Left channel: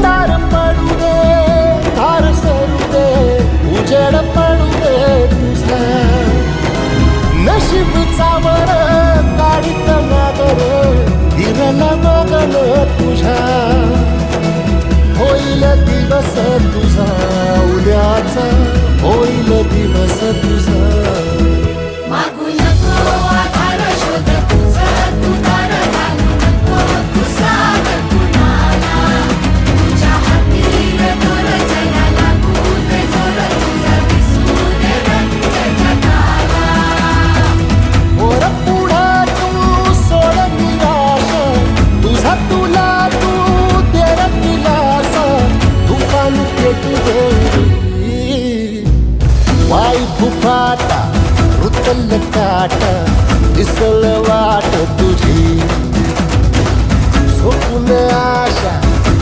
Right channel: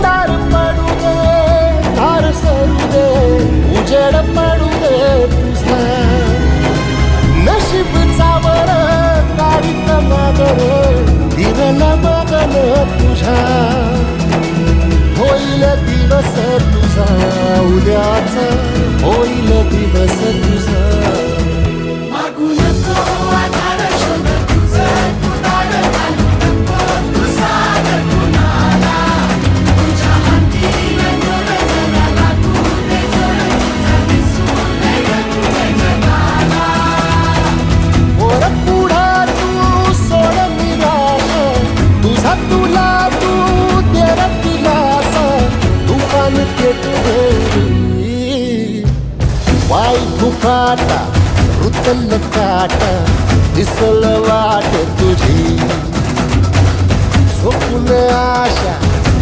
अंधार पडू दे, धार सरू दे, उजेड पडू दे तुझा. नशीब चावर काढीत मागर, दिरल बघन तुझ्या. होईल दिवस तुझा उद्याचा, होईल दिवस तुझा. वर पुढं तू सोड निराश, तुझा तुला तू तेरा दिलासा. तुफान पेटू दे, वाई फुफाटा रुतल काटा, दिसल वाट तुझी. झोपून आशा